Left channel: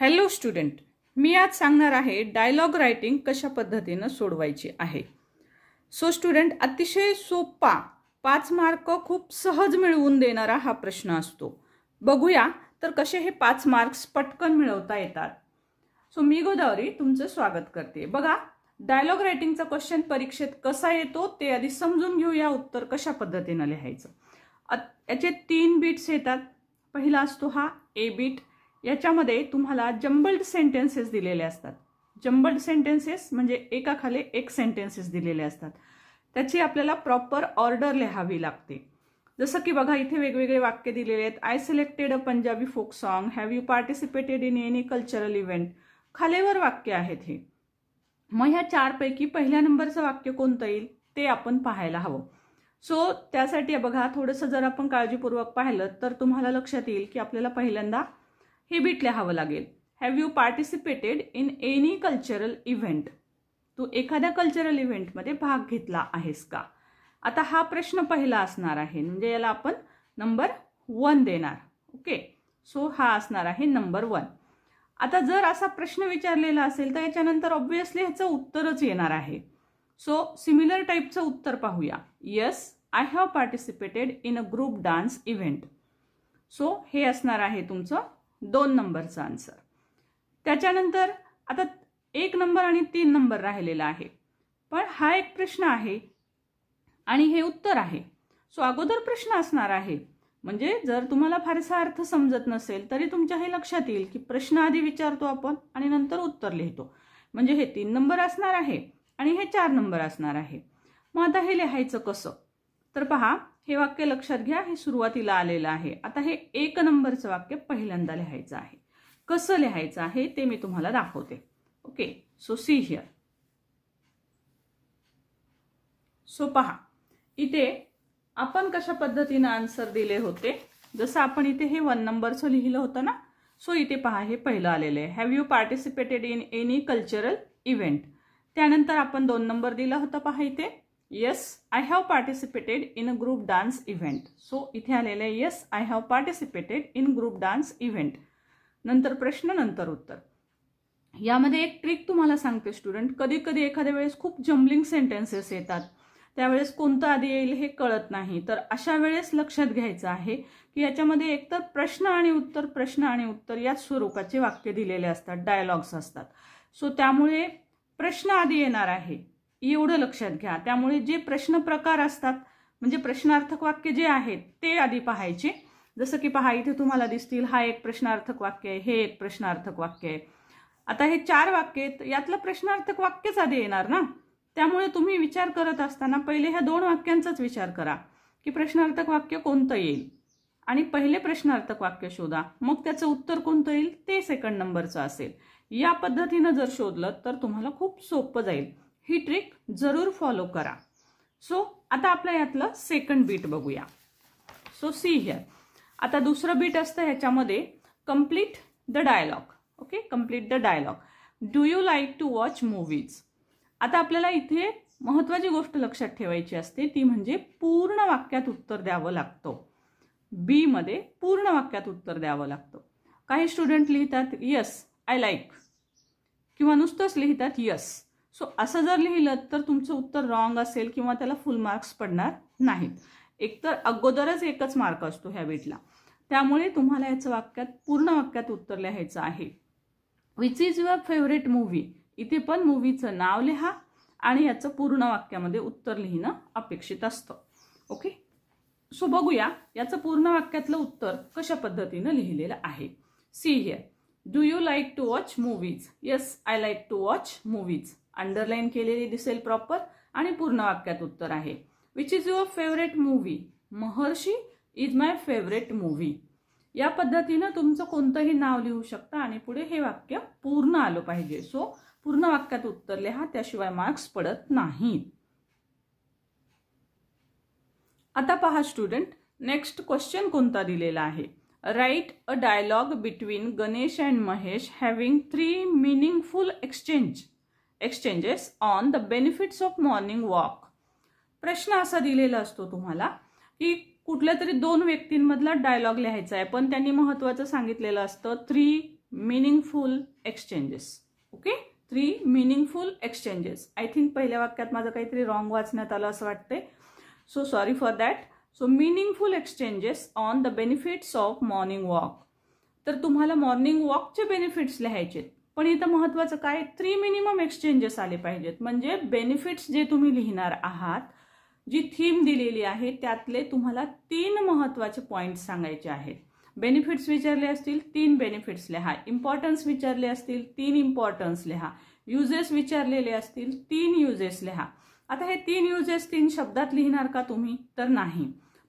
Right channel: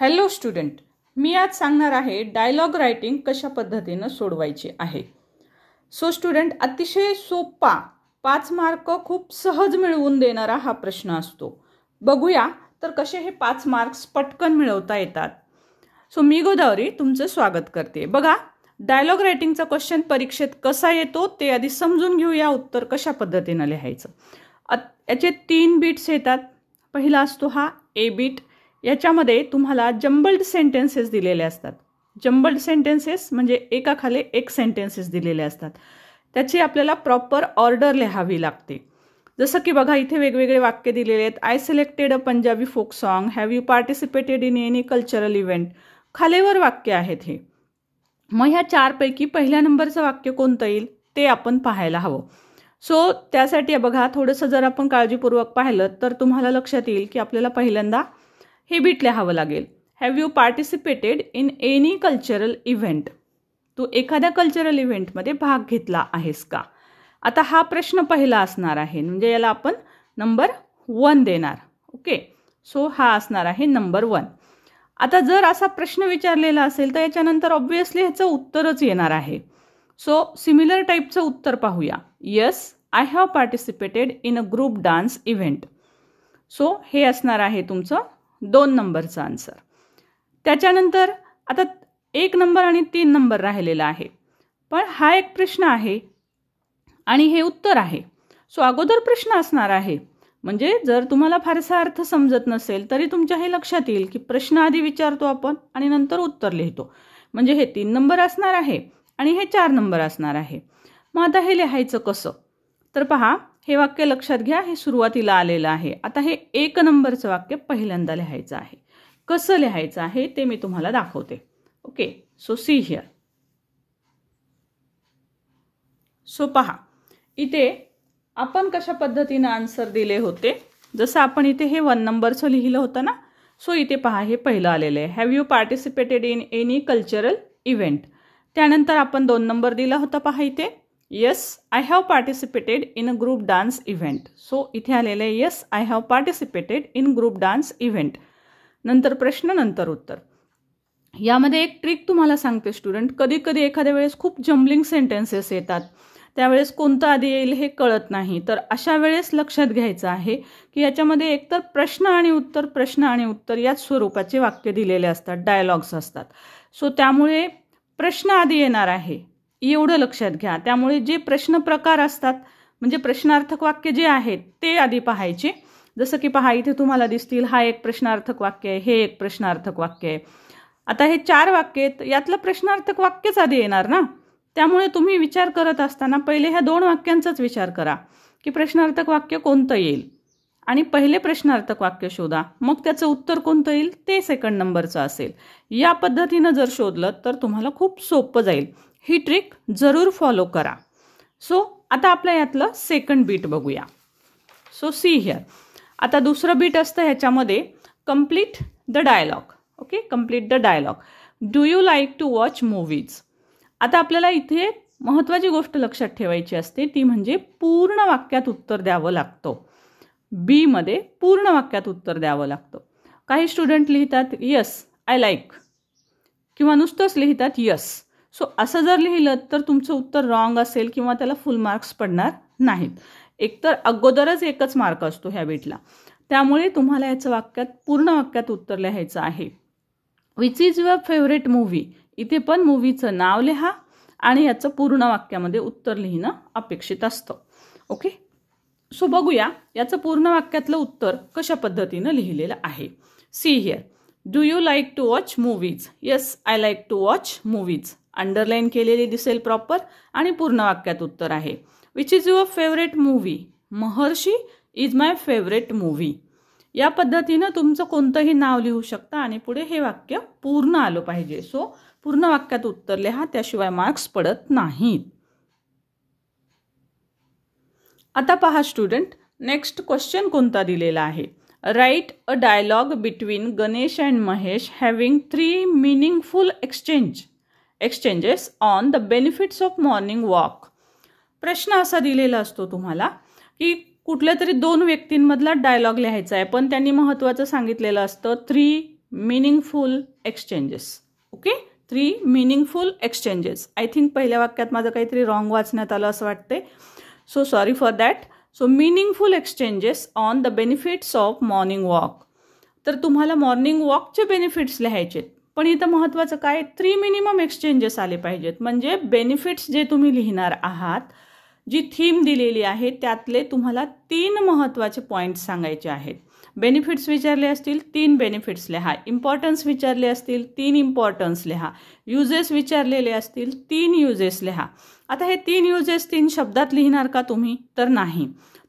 Hello student, मी आज सांगणार आहे डायलॉग रायटिंग कशा पद्धतीने सोडवायची आहे. सो स्टुडंट, अतिशय सोपा 5 मार्क खूप सहज मिळवून देणारा हा प्रश्न असतो. बघूया तर कसे हे 5 मार्क्स पटकन मिळवता येतात. सो मी गोदावरी तुमचं स्वागत करते. बघा, डायलॉग रायटिंगचा क्वेश्चन परीक्षेत कसा येतो ते आधी समजून घेऊया. उत्तर कशा पद्धतीने लिहायचं. याचे 3 बीट्स येतात. पहिला असतो हा ए बीट. याच्यामध्ये तुम्हाला जम्बल्ड सेंटेन्सेस दिलेले असतात. जम्बल्ड सेंटेन्सेस म्हणजे एकाखाली एक सेंटेन्सेस दिलेले असतात. त्याची आपल्याला प्रॉपर ऑर्डर लिहावी लागते. जसं की बघा, इथे वेगवेगळे वाक्य दिलेले आहेत. I selected a Punjabi folk song. Have you participated in any cultural event. खालीवर वाक्य आहेत हे. मग ह्या 4 पैकी पहिल्या नंबरचं वाक्य कोणतं येईल ते आपण पाहायला हवं. सो त्यासाठी बघा, थोडंसं जर आपण काळजीपूर्वक पाहिलं तर तुम्हाला लक्षात येईल की आपल्याला पहिल्यांदा हे बीट लिहावं लागेल. Have you participated in any cultural event. तू एखाद्या कल्चरल इव्हेंटमध्ये भाग घेतला आहेस का. आता हा प्रश्न पहिला असणार आहे, म्हणजे याला आपण नंबर 1 देणार. ओके, सो हा असणार आहे नंबर 1. आता जर असा प्रश्न विचारलेला असेल तर याच्यानंतर ऑब्व्हियसली ह्याचं उत्तरच येणार आहे. सो सिमिलर टाईपचं उत्तर पाहूया. Yes, I have participated in a group dance event. So हे असणार आहे तुमचं 2 नंबरचा आन्सर. त्याच्यानंतर आता 1 नंबर आणि 3 नंबर राहिलेला आहे. पण हा एक प्रश्न आहे आणि हे उत्तर आहे. सो अगोदर प्रश्न असणार आहे. म्हणजे जर तुम्हाला फारसा अर्थ समजत नसेल तरी तुमच्या हे लक्षात येईल की प्रश्न आधी विचारतो आपण आणि नंतर उत्तर लिहितो. म्हणजे हे 3 नंबर असणार आहे आणि हे 4 नंबर असणार आहे. मग आता हे लिहायचं कसं. तर पहा, हे वाक्य लक्षात घ्या. हे सुरुवातीला आलेलं आहे. आता हे 1 नंबरचं वाक्य पहिल्यांदा लिहायचं आहे. कसं लिहायचं आहे ते मी तुम्हाला दाखवते. Okay, so see here. So पहा, इथे आपण कशा पद्धतीनं आन्सर दिले होते. जसं आपण इथे हे 1 नंबरचं लिहिलं होतं ना. सो इथे पहा, हे पहिलं आलेलं आहे. Have you participated in any cultural event. त्यानंतर आपण 2 नंबर दिला होता. पहा इथे, yes, I have participated in a group dance event. So इथे आलेलं आहे yes, I have participated in group dance event. नंतर प्रश्न, नंतर उत्तर. यामध्ये एक ट्रिक तुम्हाला सांगते स्टुडंट. कधी कधी एखाद्या वेळेस खूप जम्बलिंग सेंटेन्सेस येतात. त्यावेळेस कोणतं आधी येईल हे कळत नाही. तर अशा वेळेस लक्षात घ्यायचं आहे की याच्यामध्ये एकतर प्रश्न आणि उत्तर, प्रश्न आणि उत्तर याच स्वरूपाचे वाक्य दिलेले असतात, डायलॉग्स असतात. सो त्यामुळे प्रश्न आधी येणार आहे, एवढं लक्षात घ्या. त्यामुळे जे प्रश्न प्रकार असतात, म्हणजे प्रश्नार्थक वाक्य जे आहेत ते आधी पाहायचे. जसं की पहा, इथे तुम्हाला दिसतील, हा एक प्रश्नार्थक वाक्य आहे, हे एक प्रश्नार्थक वाक्य आहे. आता हे 4 वाक्य आहेत, यातलं प्रश्नार्थक वाक्यच आधी येणार ना. त्यामुळे तुम्ही विचार करत असताना पहिले ह्या 2 वाक्यांचाच विचार करा की प्रश्नार्थक वाक्य कोणतं येईल आणि पहिले प्रश्नार्थक वाक्य शोधा. मग त्याचं उत्तर कोणतं येईल ते 2nd नंबरचं असेल. या पद्धतीनं जर शोधलं तर तुम्हाला खूप सोपं जाईल. ही ट्रिक जरूर फॉलो करा. सो आता आपल्या यातलं 2nd बीट बघूया. So see here. आता दुसरं बीट असतं ह्याच्यामध्ये, complete the dialogue. Okay, complete the dialogue. Do you like to watch movies. आता आपल्याला इथे महत्त्वाची गोष्ट लक्षात ठेवायची असते, ती म्हणजे पूर्ण वाक्यात उत्तर द्यावं लागतं. बी मध्ये पूर्ण वाक्यात उत्तर द्यावं लागतं. काही स्टुडंट लिहितात यस आय लाईक किंवा नुसतंच लिहितात यस. सो असं जर लिहिलं तर तुमचं उत्तर रॉंग असेल किंवा त्याला फुल मार्क्स पडणार नाहीत. एकतर अगोदरच 1च मार्क असतो ह्या बीटला. त्यामुळे तुम्हाला याचं वाक्यात पूर्ण वाक्यात उत्तर लिहायचं आहे. Which is your favourite movie. इथे पण मूव्हीचं नाव लिहा आणि याचं पूर्ण वाक्यामध्ये उत्तर लिहिणं अपेक्षित असतं. ओके, सो बघूया याचं पूर्ण वाक्यातलं उत्तर कशा पद्धतीनं लिहिलेलं आहे. See here. Do you like to watch movies. Yes, I like to watch movies. Underline केलेली दिसेल प्रॉपर आणि पूर्ण वाक्यात उत्तर आहे. Which is your favourite movie. Maharshi is my favourite movie. या पद्धतीनं तुमचं कोणतंही नाव लिहू शकता आणि पुढे हे वाक्य पूर्ण आलं पाहिजे. सो पूर्ण वाक्यात उत्तर लिहा, त्याशिवाय मार्क्स पडत नाहीत. आता पहा स्टुडंट, नेक्स्ट क्वेश्चन कोणता दिलेला आहे. Write a dialogue between Ganesh and Mahesh having 3 meaningful exchanges on the benefits of morning walk. प्रश्न असा दिलेला असतो तुम्हाला की कुठल्या तरी 2 व्यक्तींमधला डायलॉग लिहायचा आहे, पण त्यांनी महत्त्वाचं सांगितलेलं असतं 3 meaningful exchanges. Okay, 3 meaningful exchanges. I think पहिल्या वाक्यात माझं काहीतरी रॉंग वाचण्यात आलं असं वाटते. So sorry for that. So meaningful exchanges on the benefits of morning walk. तर तुम्हाला मॉर्निंग वॉकचे बेनिफिट्स लिहायचे, पण इथं महत्त्वाचं काय, 3 मिनिमम एक्सचेंजेस आले पाहिजेत. म्हणजे बेनिफिट्स जे तुम्ही लिहिणार आहात, जी थीम दिलेली आहे त्यातले तुम्हाला 3 महत्त्वाचे पॉईंट्स सांगायचे आहेत. बेनिफिट्स विचारले असतील 3 बेनिफिट्स लिहा. इम्पॉर्टन्स विचारले असतील 3 इम्पॉर्टन्स लिहा. युजेस विचारलेले असतील 3 युजेस लिहा. आता हे 3 युजेस 3 शब्दात लिहिणार का तुम्ही, तर नाही.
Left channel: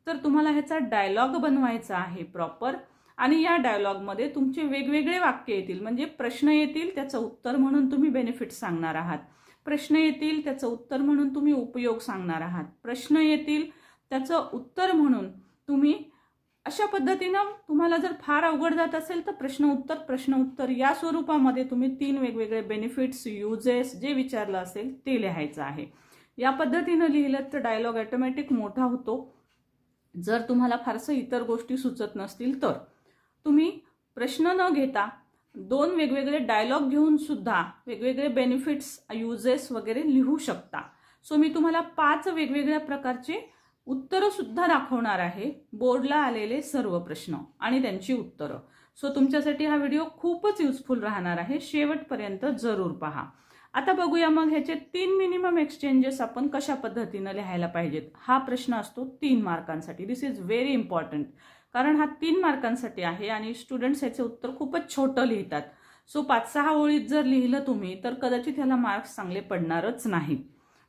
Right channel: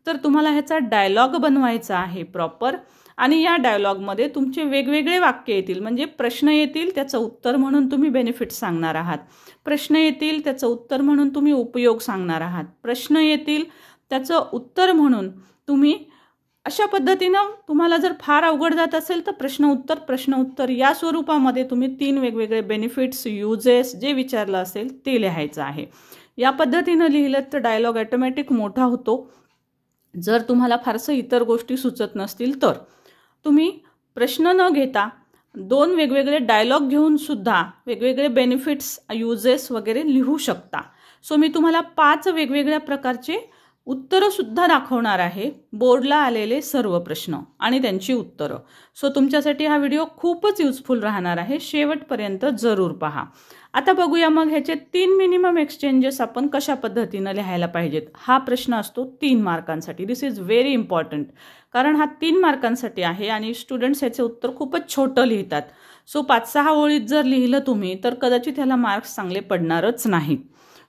तर तुम्हाला ह्याचा डायलॉग बनवायचा आहे प्रॉपर, आणि या डायलॉगमध्ये तुमचे वेगवेगळे वाक्य येतील. म्हणजे प्रश्न येतील, त्याचं उत्तर म्हणून तुम्ही बेनिफिट्स सांगणार आहात. प्रश्न येतील, त्याचं उत्तर म्हणून तुम्ही उपयोग सांगणार आहात. प्रश्न येतील, त्याचं उत्तर म्हणून तुम्ही अशा पद्धतीनं, तुम्हाला जर फार अवघड जात असेल तर प्रश्न उत्तर या स्वरूपामध्ये तुम्ही 3 वेगवेगळे बेनिफिट्स, युजेस जे विचारलं असेल ते लिहायचं आहे. या पद्धतीनं लिहिलं तर डायलॉग ऑटोमॅटिक मोठा होतो. जर तुम्हाला फारसं इतर गोष्टी सुचत नसतील तर तुम्ही प्रश्न न घेता 2 वेगवेगळे डायलॉग घेऊन सुद्धा वेगवेगळे बेनिफिट्स, युजेस वगैरे लिहू शकता. सो मी तुम्हाला 5 वेगवेगळ्या प्रकारचे उत्तरंसुद्धा दाखवणार आहे, बोर्डला आलेले सर्व प्रश्न आणि त्यांची उत्तरं. सो तुमच्यासाठी हा व्हिडिओ खूपच युजफुल राहणार आहे, शेवटपर्यंत जरूर पहा. आता बघूया मग ह्याचे 3 मिनिमम एक्सचेंजेस आपण कशा पद्धतीनं लिहायला पाहिजेत. हा प्रश्न असतो 3 मार्कांसाठी. दिस इज व्हेरी इम्पॉर्टंट, कारण हा 3 मार्कांसाठी आहे आणि स्टुडंट्स ह्याचे उत्तर खूपच छोटं लिहितात. सो 5-6 ओळीत जर लिहिलं तुम्ही तर कदाचित ह्याला मार्क्स चांगले पडणारच नाहीत.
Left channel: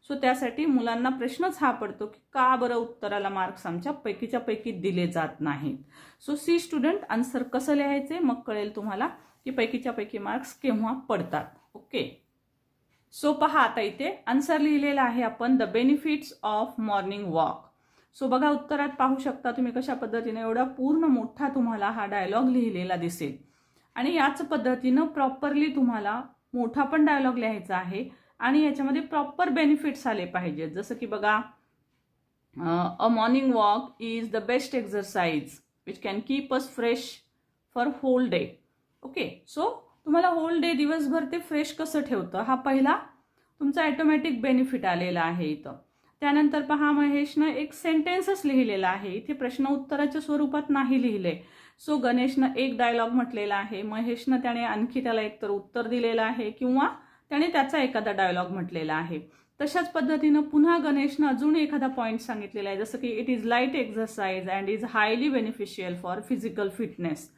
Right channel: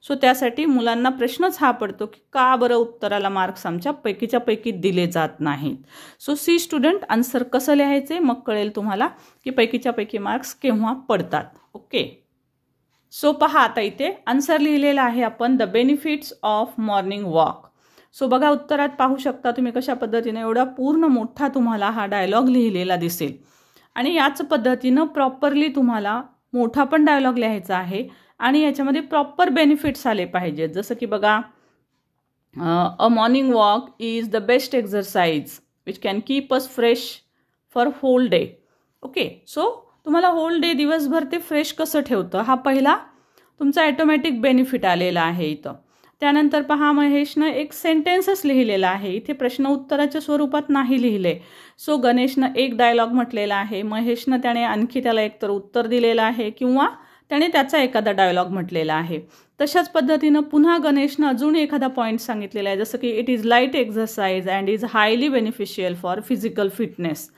सो त्यासाठी मुलांना प्रश्नच हा पडतो की का बरं उत्तराला मार्क्स आमच्या पैकीच्या पैकी दिले जात नाहीत. सो सी स्टुडंट, आन्सर कसं लिहायचे मग कळेल तुम्हाला की पैकीच्या पैकी मार्क्स केव्हा पडतात. ओके, सो पहा आता इथे आन्सर लिहिलेला आहे आपण, the benefits of morning walk. So बघा उत्तरात पाहू शकता तुम्ही कशा पद्धतीने एवढा पूर्ण मोठा तुम्हाला हा डायलॉग लिहिलेला दिसेल. आणि याच पद्धतीनं प्रॉपरली तुम्हाला मोठा पण डायलॉग लिहायचा आहे आणि याच्यामध्ये प्रॉपर बेनिफिट्स आले पाहिजेत. जसं की बघा, a morning walk is the best exercise which can keep us fresh for whole day. Okay, so तुम्हाला होल डे, दिवसभर ते फ्रेश कसं ठेवतं, हा पहिला तुमचा ऑटोमॅटिक बेनिफिट आलेला आहे इथं. त्यानंतर पहा, महेशनं एक सेंटेन्सच लिहिलेला आहे, इथे प्रश्न उत्तराच्या स्वरूपात नाही लिहिले. सो गणेशनं एक डायलॉग म्हटलेला आहे, महेशनं त्याने आणखी त्याला एकतर उत्तर दिलेलं आहे किंवा त्याने त्याचा एखादा डायलॉग म्हटलेला आहे. तशाच पद्धतीनं पुन्हा गणेशनं अजून एखादा पॉईंट सांगितलेला आहे, जसं की it is light exercise and is highly beneficial for physical fitness.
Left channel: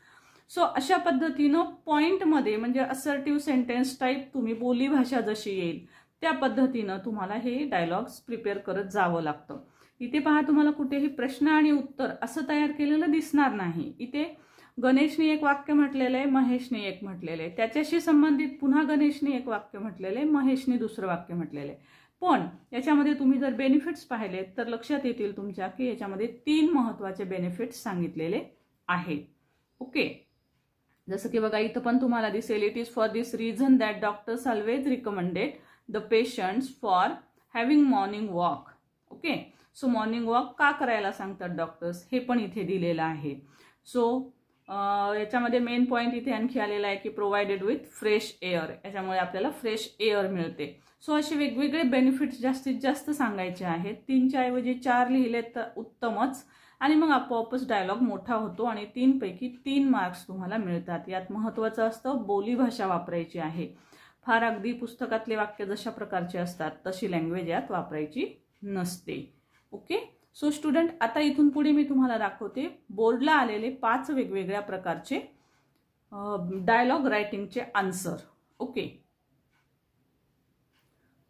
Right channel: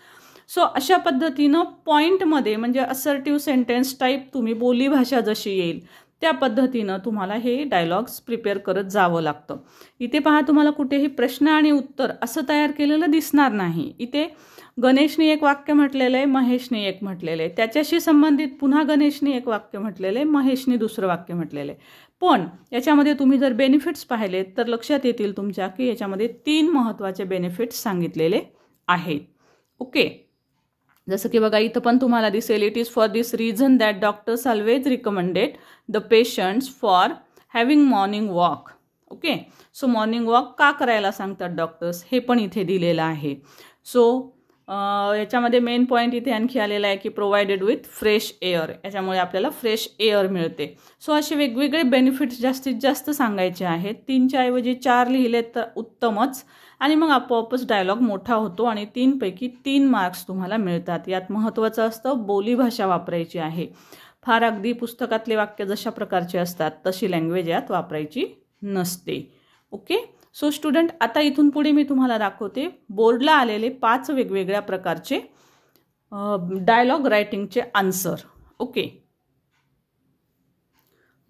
So अशा पद्धतीनं पॉईंटमध्ये म्हणजे असर्टिव्ह सेंटेन्स टाईप तुम्ही बोलीभाषा जशी येईल त्या पद्धतीनं तुम्हाला हे डायलॉग्स प्रिपेअर करत जावं लागतं. इथे पहा, तुम्हाला कुठेही प्रश्न आणि उत्तर असं तयार केलेलं दिसणार नाही. इथे गणेशने एक वाक्य म्हटलेलं आहे, महेशने एक म्हटलेलं आहे, त्याच्याशी संबंधित पुन्हा गणेशने एक वाक्य म्हटलेलं आहे, महेशने दुसरं वाक्य म्हटलेलं आहे. पण याच्यामध्ये तुम्ही जर बेनिफिट्स पाहिले तर लक्षात येतील तुमच्या की याच्यामध्ये 3 महत्त्वाचे बेनिफिट्स सांगितलेले आहेत. ओके, जसं की बघा इथं पण तुम्हाला दिसेल, it is for this reason that doctor's always recommended the patients for having morning walk. Okay, so morning walk का करायला सांगतात डॉक्टर्स हे पण इथे दिलेलं आहे. सो याच्यामध्ये मेन पॉईंट इथे आणखी आलेला आहे की प्रोव्हाइडेड विथ फ्रेश एअर, याच्यामुळे आपल्याला फ्रेश एअर मिळते. सो असे वेगवेगळे बेनिफिट्स जास्तीत जास्त सांगायचे आहेत. 3च्या ऐवजी 4 लिहिलेत तर उत्तमच, आणि मग आपोआपच डायलॉग मोठा होतो आणि 3 पैकी 3 मार्क्स तुम्हाला मिळतात. यात महत्त्वाचं असतं बोलीभाषा वापरायची आहे. फार अगदी पुस्तकातले वाक्य जशा प्रकारचे असतात तशी लँग्वेज यात वापरायची नसते. ओके, सो स्टुडंट, आता इथून पुढे मी तुम्हाला दाखवते बोर्डला आलेले 5 वेगवेगळ्या प्रकारचे डायलॉग रायटिंगचे answer. Okay,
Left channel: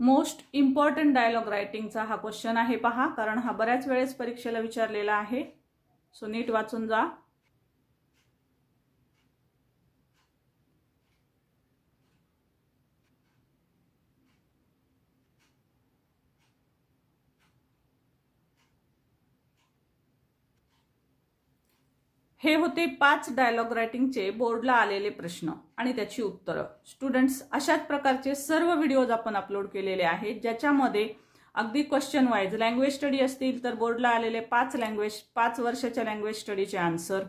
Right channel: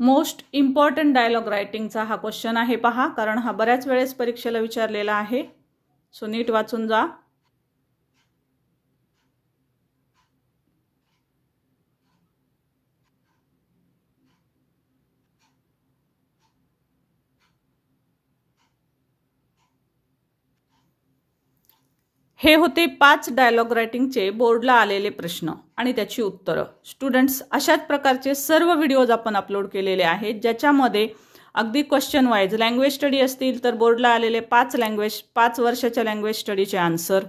most important dialogue रायटिंगचा हा क्वेश्चन आहे पहा, कारण हा बऱ्याच वेळेस परीक्षेला विचारलेला आहे. सो नीट वाचून जा. हे होते 5 डायलॉग रायटिंगचे बोर्डला आलेले प्रश्न आणि त्याची उत्तरं. स्टुडंट्स, अशाच प्रकारचे सर्व व्हिडिओज आपण अपलोड केलेले आहेत ज्याच्यामध्ये अगदी क्वेश्चन वाईज लँग्वेज स्टडी असतील तर बोर्डला आलेले 5 वर्षाच्या लँग्वेज स्टडीचे आन्सर,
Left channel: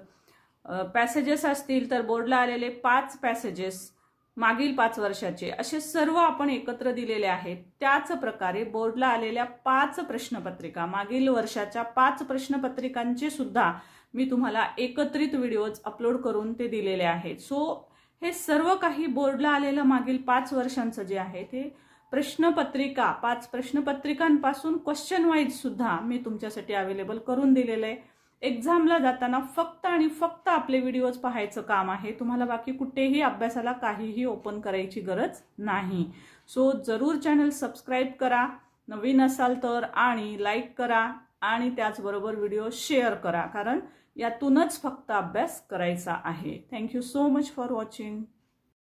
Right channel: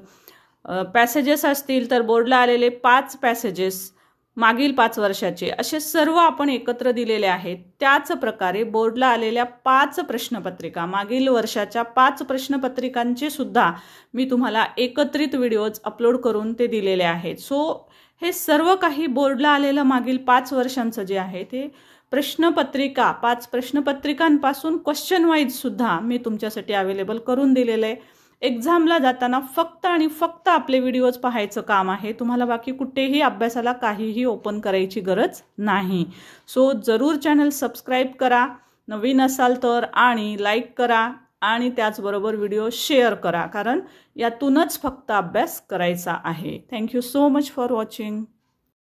पॅसेजेस असतील तर बोर्डला आलेले 5 पॅसेजेस मागील 5 वर्षाचे असे सर्व आपण एकत्र दिलेले आहेत। त्याच प्रकारे बोर्डला आलेल्या 5 प्रश्नपत्रिका मागील वर्षाच्या 5 प्रश्नपत्रिकांचे सुद्धा मी तुम्हाला एकत्रित व्हिडिओज अपलोड करून ते दिलेले आहेत। सो हे सर्व काही बोर्डला आलेलं मागील 5 वर्षांचं जे आहे ते प्रश्नपत्रिका 5 प्रश्नपत्रिकांपासून क्वेश्चन वाईज सुद्धा मी तुमच्यासाठी अवेलेबल करून दिलेलं आहे। एक्झामला जाताना फक्त आणि फक्त आपले व्हिडिओज पाहायचं काम आहे। तुम्हाला बाकी कुठेही अभ्यासाला काहीही ओपन करायची गरज नाही। सो जरूर चॅनल सबस्क्राईब करा नवीन असाल तर, आणि लाईक करा, आणि त्याचबरोबर व्हिडिओ शेअर करा, कारण यातूनच फक्त अभ्यास करायचा आहे। Thank you so much for watching.